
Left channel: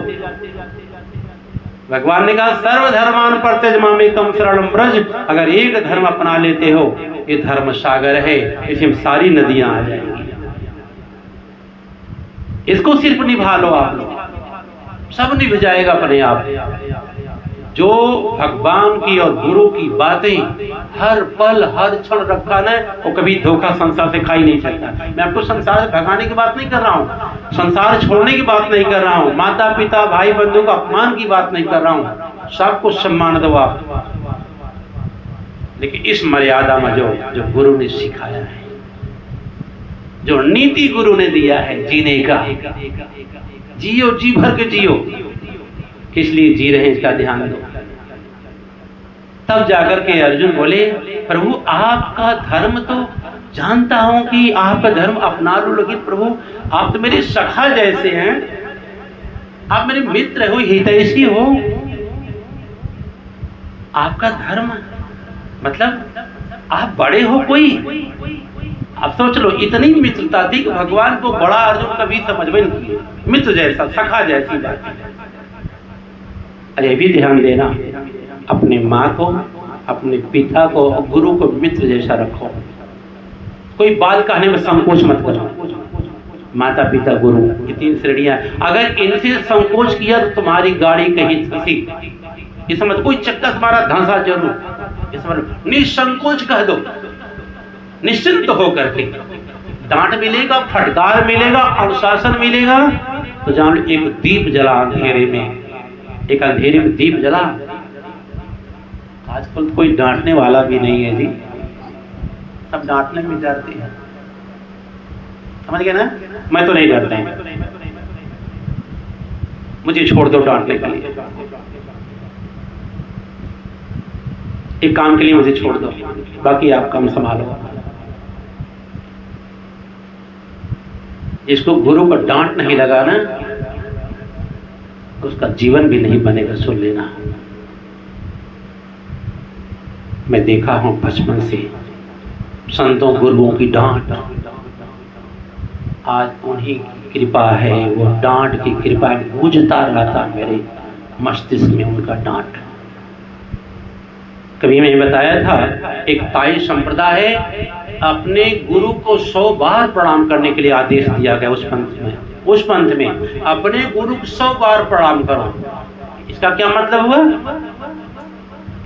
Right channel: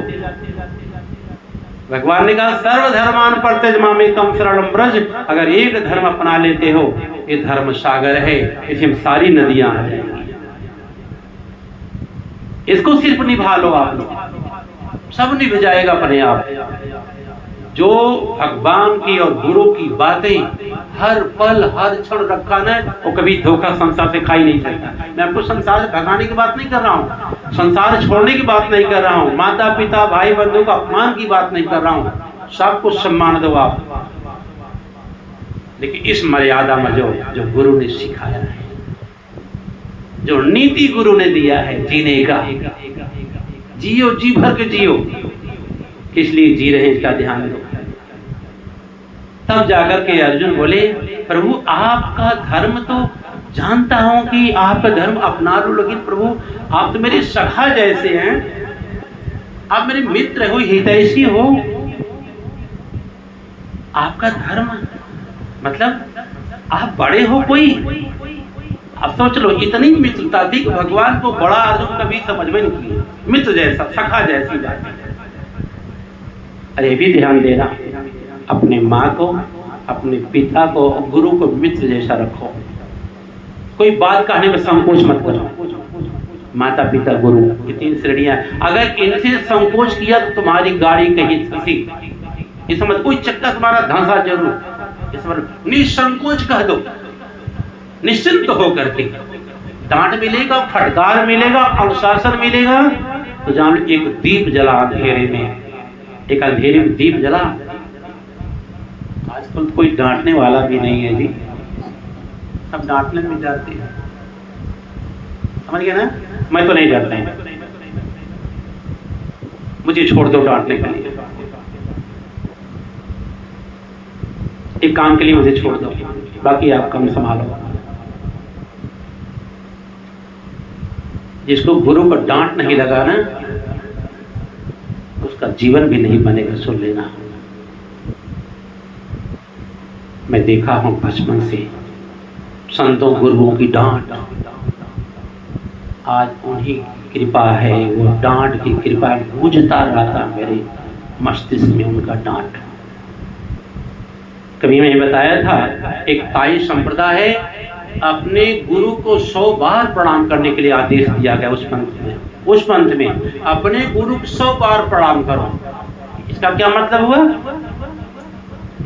भगवान ने कहा सर्वधर्मान परित्यज्य मामेकम शरणं व्रज, अगर एक धर्म अपना लेते हो, ये धर्म सागर है, इसमें सारी नदियां आ जाएंगी, इसको सिर्फ निभा लो आप, सब निभ जाएगा अपने आप। जो भगवान की और गुरु की बातें हर पल हर क्षण रखा ना, वो कभी धोखा संसार से खा ही नहीं सकता। मैं आपको संसार से भगाने की बात नहीं कर रहा हूँ, संसार छोड़ने की बात नहीं कर रहा हूँ, माता पिता भाई बंधु का अपमान की बात नहीं कर रहा हूँ, सबको सम्मान दो आप, लेकिन इस मर्यादा में जो गुरु ने सिखाया है, जो नीति गुरु ने दिया है जीने का, जियो, जी भर के जियो, किस लिए जी रहे हैं इसका ध्यान दो। तब जाकर के अर्जुन बोले प्रभु आपका धर्म तो जानता हूं कि आपका धर्म अपना लो, लेकिन प्रभु आप तो मेरे सखा जैसे हैं, आप मेरे मित्र हो, हितैषी हो, आपका धर्म मतलब आप बड़े हो कोई। अब सोच लो, इतनी मित्रता थी कि भगवान को बड़ा अर्जुन कभी समझ में नहीं किया, मित्र जैसा, सखा जैसी बात। अरे भी ध्यान देना, अपने माँ को, अपने पिता को, गुरु को मित्र जैसा रखो, कोई बात कहने में संकोच मत करो। माता पिता गुरु, ये तीन श्रेणियां, अगर इनसे संकोच किया तो तुम्हारी गाड़ी कहीं फंसी, ये समझ, कोई चक्कर तुम्हारा धंसा जरूर, ये समझ, निसंकोच कह दो, निश्चिंत हो करके। डांट मिलेगा, फटकार मिलेगा, अनुशासन मिलेगा, तो जान एक दीप जला अंधेरे में, एक अंधेरे में दीप जला। आजकल तो कोई डांटने वाला भी नहीं है जी, सब डांटने में डरते हैं, समझ गए ना। मैं तो नहीं डरता हूं, मुझे छोड़ दो डांटने के लिए, एक काम के लिए मुझे छोड़ दो, बाकी आप काम संभालो। जिसको गुरु का डांट नहीं लगा ना, उसका जीवन भी नहीं बनेगा, सुन लेना। मैं देखा हूं बचपन से संतों गुरुओं की डांट, आज उन्हीं की कृपा है, वो डांट की कृपा गूंजता रहता मेरे मस्तिष्क में उनका डांट। कभी मैंने बताया था, एक ताई संप्रदाय है, अपने गुरु को 100 बार प्रणाम करने के लिए आदेश दिया गया उस पंथ में अपने गुरु को 100 बार प्रणाम करो। इसका क्या मतलब हुआ?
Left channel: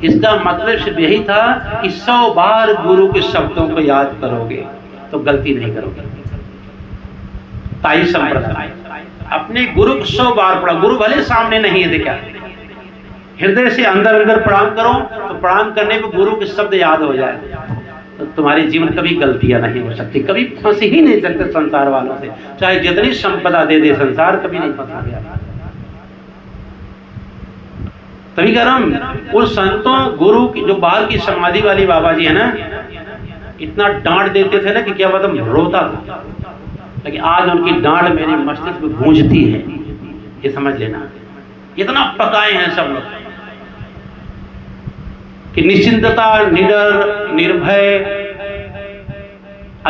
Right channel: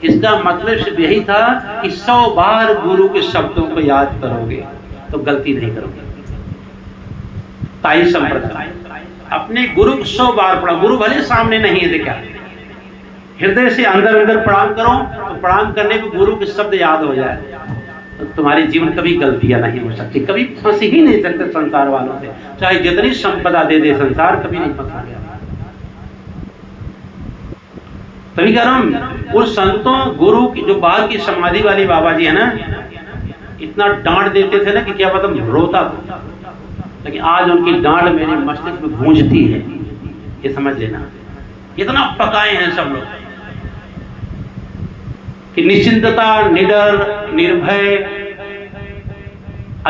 इसका मतलब सिर्फ यही था कि 100 बार गुरु के शब्दों को याद करोगे तो गलती नहीं करोगे। ताई संप्रदाय, अपने गुरु को 100 बार प्रणाम, गुरु भले सामने नहीं है, देखा, हृदय से अंदर अंदर प्रणाम करो, तो प्रणाम करने पे गुरु के शब्द याद हो जाए, तो तुम्हारे जीवन कभी गलतियां नहीं हो सकती, कभी फंस ही नहीं सकते संसार वालों से, चाहे जितनी संपदा दे दे संसार, कभी नहीं फंसा गया। तभी कह रहा हूं, उस संतों गुरु की जो बाहर की समाधि वाली बाबा जी है ना, इतना डांट देते थे ना कि क्या पता रोता था, लेकिन आज उनकी डांट मेरे मस्तिष्क में गूंजती है, ये समझ लेना। इतना पकाए हैं सब लोग कि निश्चिंतता, निडर, निर्भय,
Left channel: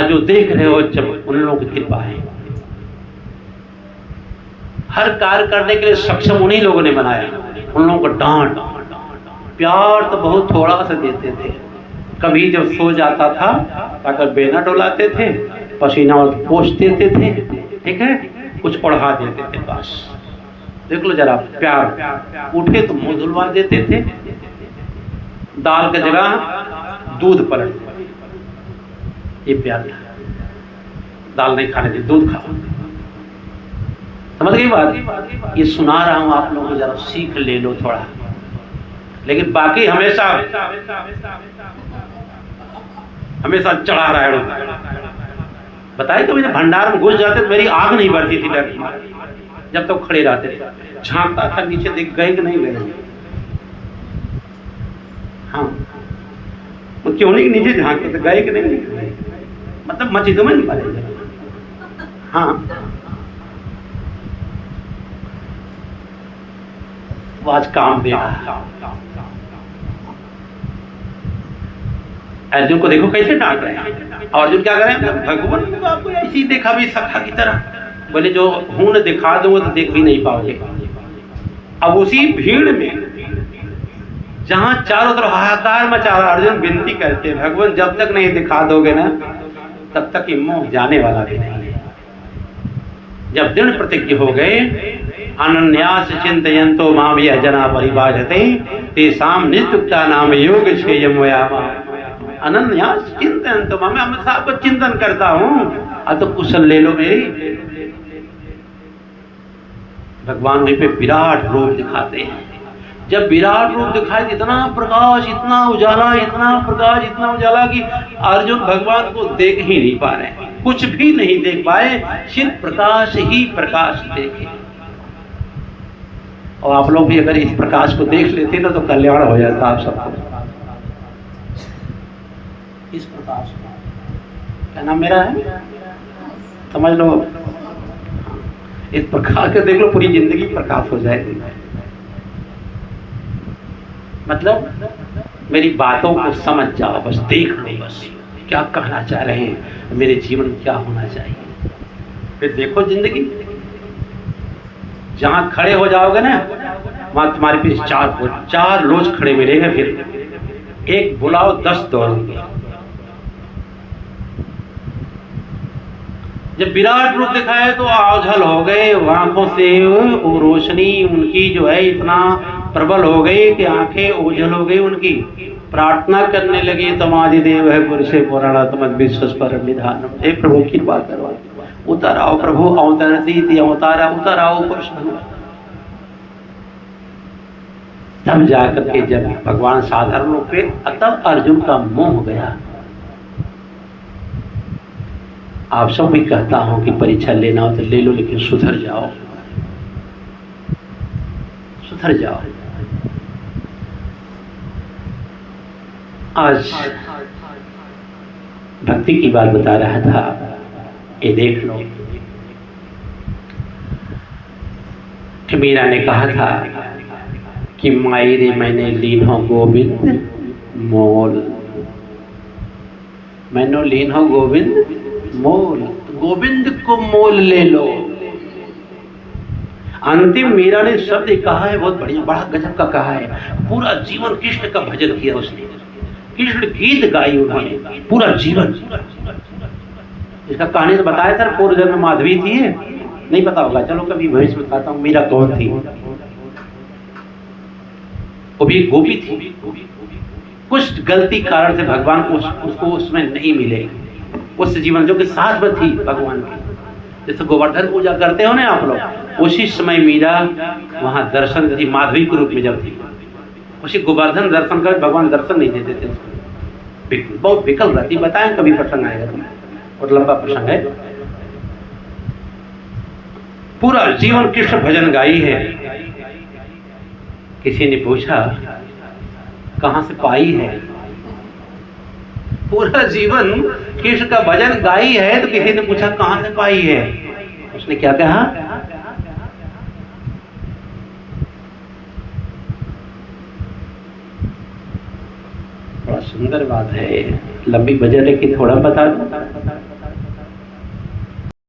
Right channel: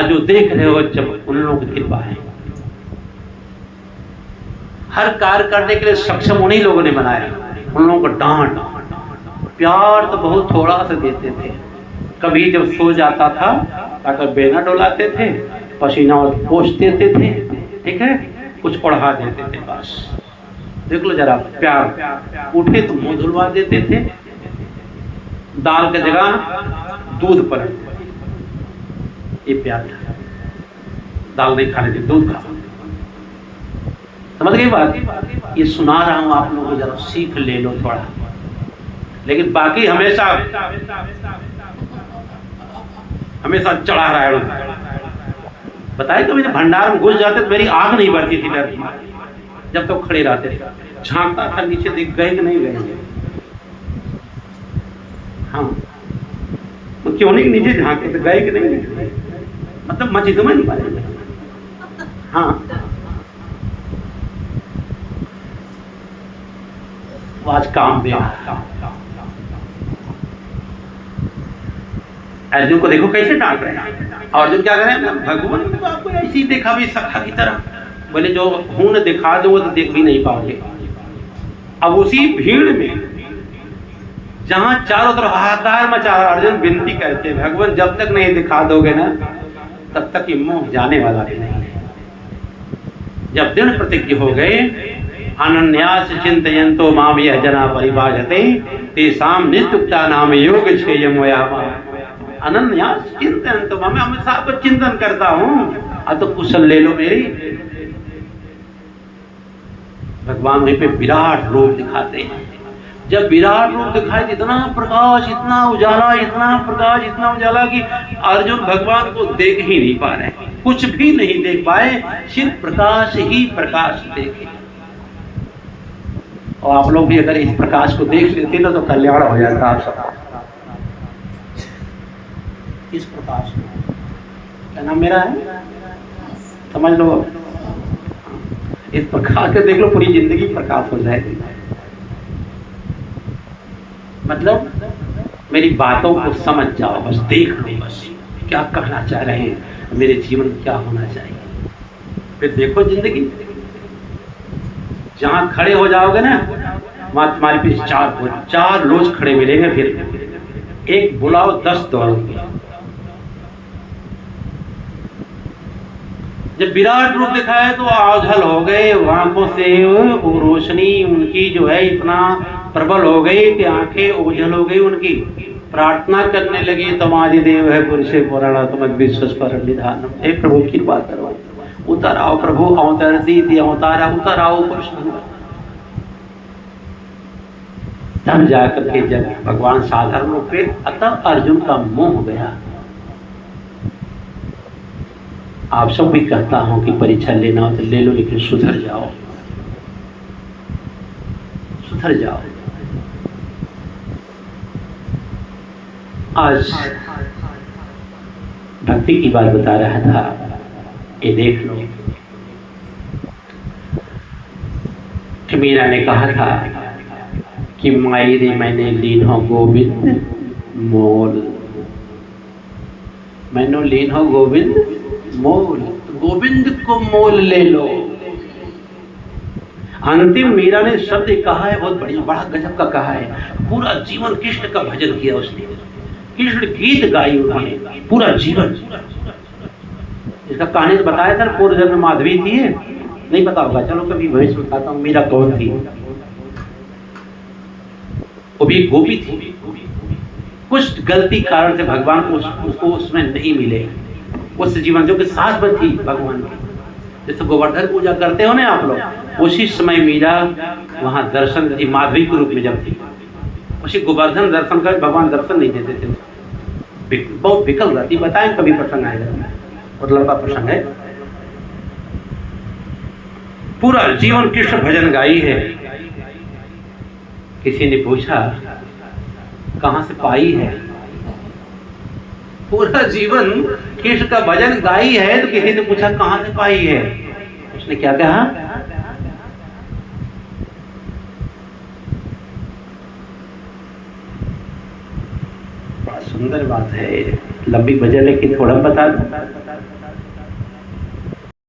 जो देख रहे हो जब उन लोगों की कृपा है। हर कार्य करने के लिए सक्षम उन्हीं लोगों ने बनाया। उन लोगों को डांट प्यार तो बहुत थोड़ा सा देते थे, कभी जब सो जाता था अगर बेना डोलाते थे, पसीना पोंछ देते थे, ठीक है, कुछ ओढ़ा देते थे, बस देख लो जरा प्यार। उठे तो मुंह धुलवा देते थे, दाल की जगह दूध पलट देते थे, ये प्यार था। दाल नहीं खाने थे, दूध खाओ। समझ गई बात? ये सुना रहा हूं आप लोगों को, जरा सीख ले लो थोड़ा। लेकिन बाकी हमेशा चढ़ा रहा है। बताए तो मेरे भंडार में घुस जाते तो मेरी आग नहीं बढ़ती थी डर की, जब तक खड़े रहते थे। झांकता था नीचे, देख गए कि नहीं गए। हाँ, तो क्यों नहीं नीचे झांकते थे, गए कि नहीं, मतलब मस्जिदों में नहीं पाए। हाँ, वो आज काम दे रहा। अर्जुन को देखो कैसे डांट रहे हैं। अर्जुन क्या करें, भगवान ने तो आपको ऐसी देखा भी सखा की तरह, बोले जो हूं न दिखा दो तो देख भी नहीं पाओगे। अब उसी भीड़ में जहां चारों तरफ हाहाकार मचा रहा, अर्जुन विनती करते हैं, भगवान जब तक नहीं दिखा दोगे ना तब तक ये मोह जाने वाला भी नहीं है। जब दृढ़ प्रतिज्ञ हो गए, अनन्यास चिंतयन्तो माम यः जना परिभाषते तेषां नित्युक्ता नाम योगक्षेमं वयामः। अनन्यास चिंतयन्तो माम, मैं हमेशा आपको चिंतन करता हूं, अब तो कुशल ले लो मेरी। भगवान वहीं पे विराट रूप दिखाते हैं। जब विराट रूप दिखाए, इतना प्रकाश, इतना उजाला, इतना प्रकाश, इतना उजाला कि अर्जुन भगवान को देख ही नहीं पा रहे, कुछ भी नहीं देख पाए, सिर्फ प्रकाश ही प्रकाश देखे। और आप लोग भी अगर इस प्रकाश को देख लेते ना तो कल्याण हो जाता आप सब। इस प्रकाश को क्या नाम मेरा है, समझ लो। इस प्रकाश को देख लो, पूरी जिंदगी प्रकाश हो जाएगी। मतलब मेरी बातों को समझ जाओ, बस देख लो, बस क्या कहना चाह रहे हैं, मेरे जीवन क्या होना चाहिए। फिर देखो जिंदगी, जहां खड़े हो जाओगे ना वहां तुम्हारे पीछे चार लोग खड़े मिलेंगे। फिर एक बुलाओ 10 दौड़ेंगे। जब विराट रूप दिखाए तो ओझल हो गए, आंखों से रोशनी उनकी जो है इतना प्रबल हो गई कि आंखें ओझल हो गई उनकी। प्रार्थना करने लगे, तमादिदेव है पुरुषे पुराणा तमद विश्वस्पर निधान। हे प्रभु कृपा करो, उतर आओ प्रभु, अवतरती अवतारा, उतर आओ कृष्ण। तब जाकर के जब भगवान साधारण रूप पे, अतः अर्जुन का मोह गया। आप सब भी कहता हूं कि परीक्षा लेना हो तो ले लो, लेकिन सुधर जाओ, सुधर जाओ। आज भक्ति की बात बता रहा था, ये देख लो कि मीरा ने कहा था कि माई रे मैंने लीन हो गोविंद मोल, मैंने लीन हो गोविंद मोल, गोविंद को मोल ले लो। अंतिम मीरा ने शब्द कहा है, बहुत बढ़िया, बड़ा गजब का कहा है। पूरा जीवन कृष्ण का भजन किया उसने, कृष्ण गीत गाई उन्होंने पूरा जीवन। इसका कहानी तो बताया था, पूर्व जन्म में माधवी थी, नहीं पता होगा, चलो कभी भविष्य में बताता हूँ। मीरा कौन थी? वो भी गोपी थी। कुछ गलती कारण से भगवान को उसको उसमें नहीं मिले उस जीवन जो कि साथ में थी भगवान की। जैसे गोवर्धन पूजा करते हो ना आप लोग, उसी समय मीरा वहां दर्शन थी, माधवी के रूप में जब थी, उसी गोवर्धन दर्शन कर भगवान दर्शन नहीं देते थे। बहुत विकल रहती, बताएं कभी प्रसंग आएगा, और लंबा प्रसंग है। पूरा जीवन कृष्ण भजन गाई है। किसी ने पूछा कहां से पाई है? पूरा जीवन कृष्ण का भजन गाई है, तो किसी ने पूछा कहां से पाई है? उसने क्या कहा? बड़ा सुंदर बात है, लंबी बजट है कि थोड़ा बता दूं।